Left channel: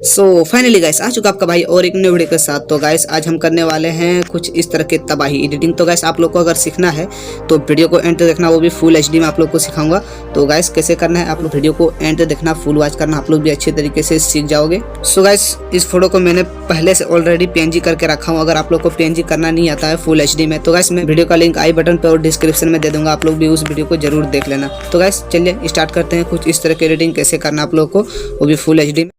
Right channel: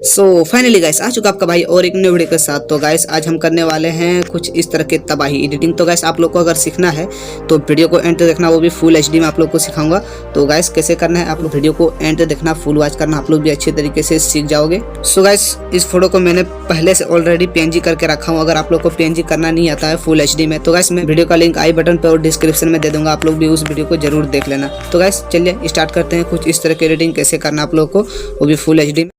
So finally guys आ चुका आपका भाई और एक न्यू वीडियो के साथ। तो गाइस आज हम करने वाले हैं कुछ इस तरह के तबाही एडिटिंग। तो गाइस आप लोग को अगर सीखना है तो वीडियो को एंड तक देखना, वो भी फुल एचडी में आप लोग को सिखाऊंगा। तो गाइस कैसे करना है आप लोग वीडियो को एंड तक देखना, फुल वॉच करना, आप लोग भी अच्छे तरीके से सीख जाओगे। सो गाइस इस फोटो को मैंने पहले से ऑलरेडी पीएनजी करके रखा हूँ। अगर आप लोग को पीएनजी करना नहीं आता है फुल एचडी में तो गाइस मैं वीडियो का लिंक आई बटन पे और डिस्क्रिप्शन में दे दूंगा, आप लोग भी उस वीडियो को जरूर देख लेना। तो गाइस चलिए स्टार्ट करते हैं कुछ इस तरह की एडिटिंग कैसे करना आप लोग को, वो भी फुल एचडी में।